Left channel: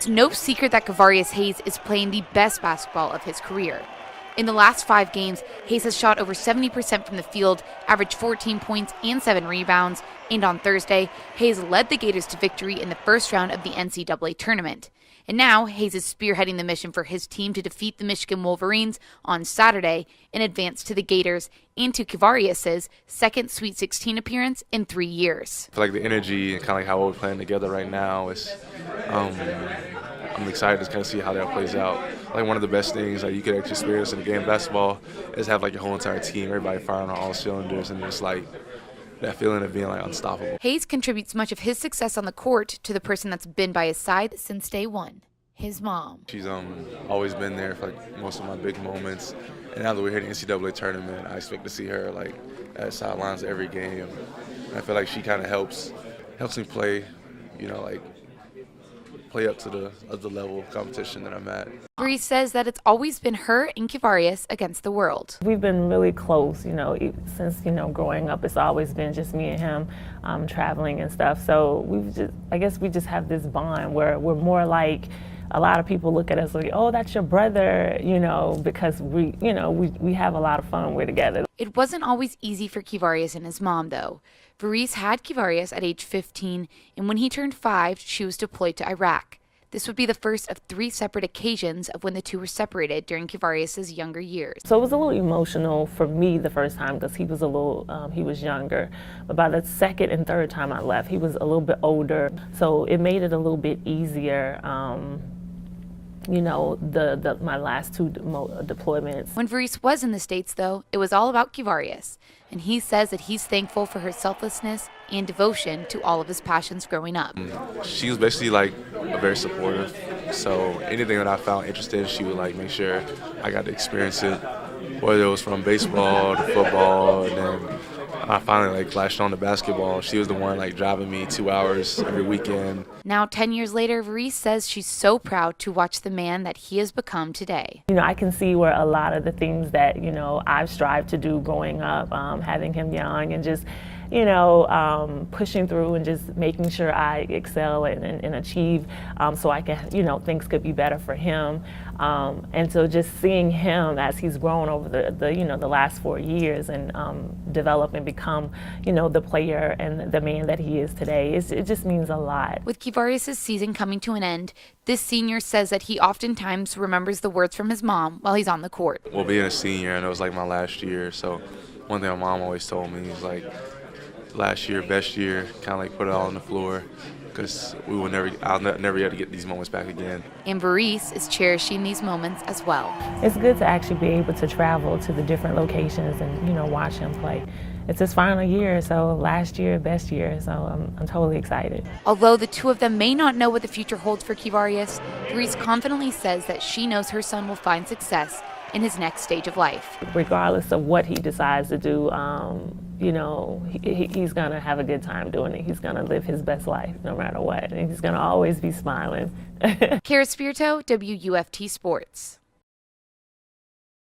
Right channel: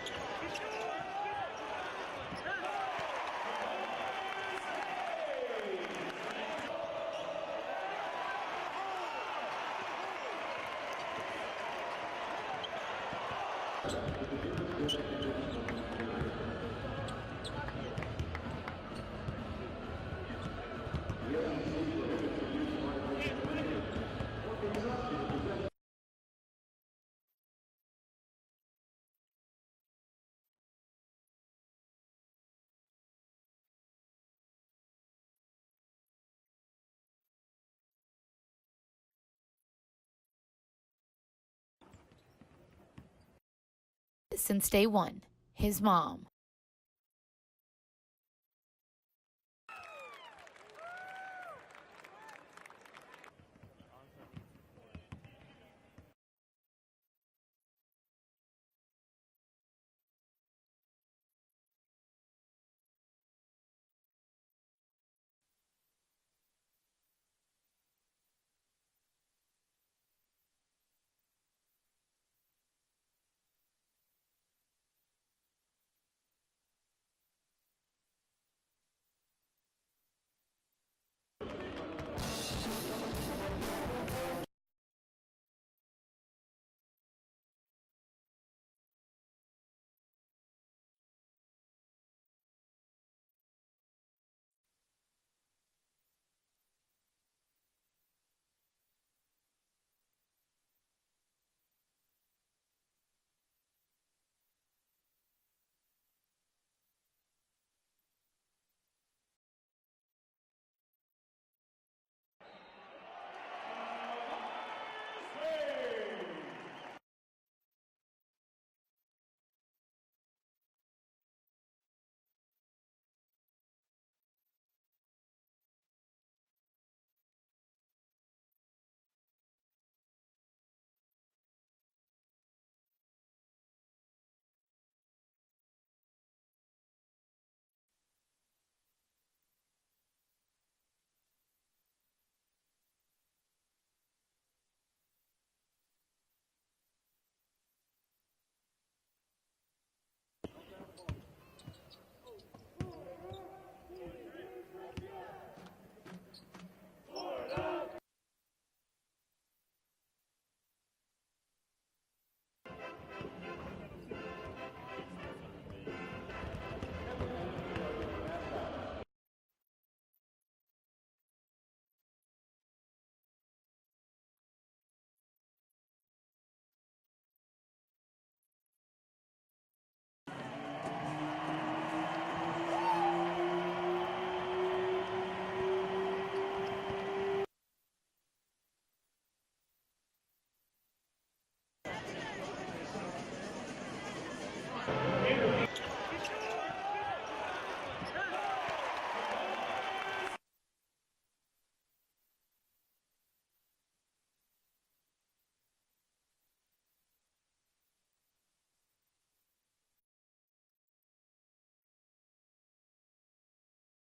It's no secret that Kevarrius Hayes is playing the best basketball of his career. In the last 5 games, Hayes has shot over 70% from the field, averaged 14 points and 7 rebounds, and on Thursday, Hayes led the Gators to victory in the first round of the NCAA tournament. And now, Hayes is spearheading the mission for his team to defeat the Michigan Wolverines on Saturday and advance to the Gators and to Kevarrius' second Sweet 16 appearance in 3 years. I feel like the energy and kind of like how we're playing together right now is, I'm excited to kind of see how that plays out. Like one of the best things that you could actually experience in a game of basketball is have like your whole entire team, everybody firing on all cylinders, and just like that feeling of being like unstoppable. Hayes contributes much of his success on the court to the person that's been by his side since day one, his mom. She's always been there for like most of my big moments, and now that we're hitting the NCAA tournament, I expect to see her like at sidelines every game. And I feel like she kind of helps me play, like play up to the level of competition that I'm at. Kevarrius says that it's always been her and Kevarrius against the world. We've been really close, since, growing up. It's always been just me and him traveling and stuff. So I guess we just have this bond where we're more like, a lot of people look at us like, oh, that's your brother, because we have a lot of fun. We're together. It wasn't always easy for Kevarrius and his mom, though. Kevarrius had Kevarrius at age 15, and when he turned 5, she was deployed to Iraq. This would be the first of 3 separate occasions of when the two were separated during Kevarrius' younger years. So it was a little emotional for me the first time because he was he was younger. But by the second and third time I left, he was a little bit older. So it made it a little bit easier. My last 2 deployments. When Kevarrius was in the States, though, it was all about Kevarrius. And he says that he's thankful for her selflessness and devotion to all of his passions growing up. She was basically like very supportive. So anything that I found interesting, she would like make sure I got to experience it, whether it was from baseball to football, and then I finally like latched on to basketball. She was the one like driving me 2 hours every weekend. Now, 10 years later, Kevarrius says she's so proud to watch the man that he has become today. I can see where a lot of the things that, I've strived to do growing up, having him young and just, pushing through and just making sure I excel and achieve so I can, things could be better for him. And so just seeing him as he's grown over the last 4 years and develop and become, the player and the man that he is today, it just means a lot. With Kevarrius' season coming to an end, this senior says that he oftentimes remembers the words from his mom while he's on the court. Well, being a senior, and it was like my last year, so one thing my mom always told me is like, last year, best year, kind of like put it all on the floor, because I'll never be able to get these moments back again. And Kevarrius is cherishing these moments as well. It's good to actually be able to travel to the different locations and, watch him play. It's his final year, so last year, best year, so I'm totally excited. Although the two of them may not know what the future holds for Kevarrius, Kevarrius confidently says that she knows her son will find success in his next stage of life. Regardless of what he decides to do, he's going to have a good time doing it. He's going to live his best life no matter what, and he's going to always be smiling. Kara Spirito, WUFT Sports.